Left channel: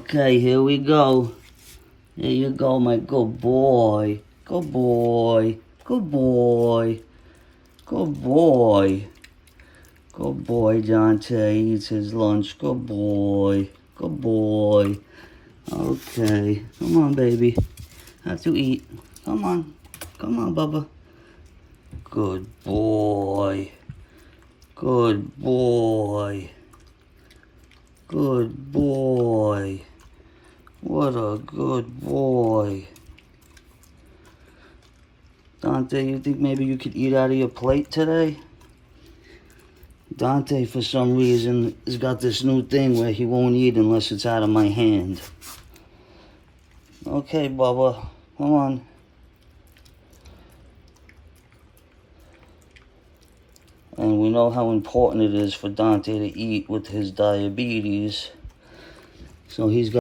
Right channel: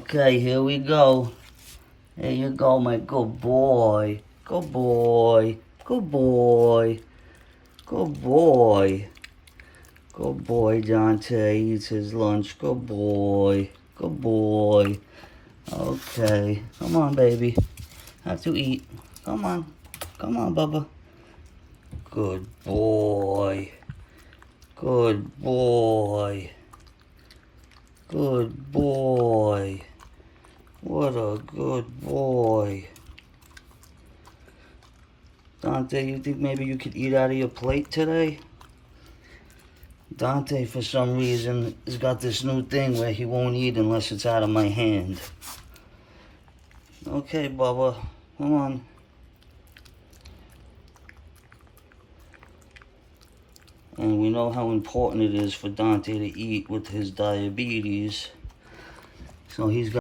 Okay, here we go. There you go, my good boy. Good boy. Good boy. Good boy. Good boy, Dante. Eats his lunch. Good boy. Good boy. Okay. Come on, baby. Have to eat. Come on. Come on, Bubba. Good boy. Good boy. Good boy. What a good boy. Dante, you think maybe you could eat out of your plate today? Dante, for some reason, has got this new thing where he won't eat unless it's out of my hand. Okay, Bubba, come on. And we know how important it is for Dante to eat with his diabetes. So he's got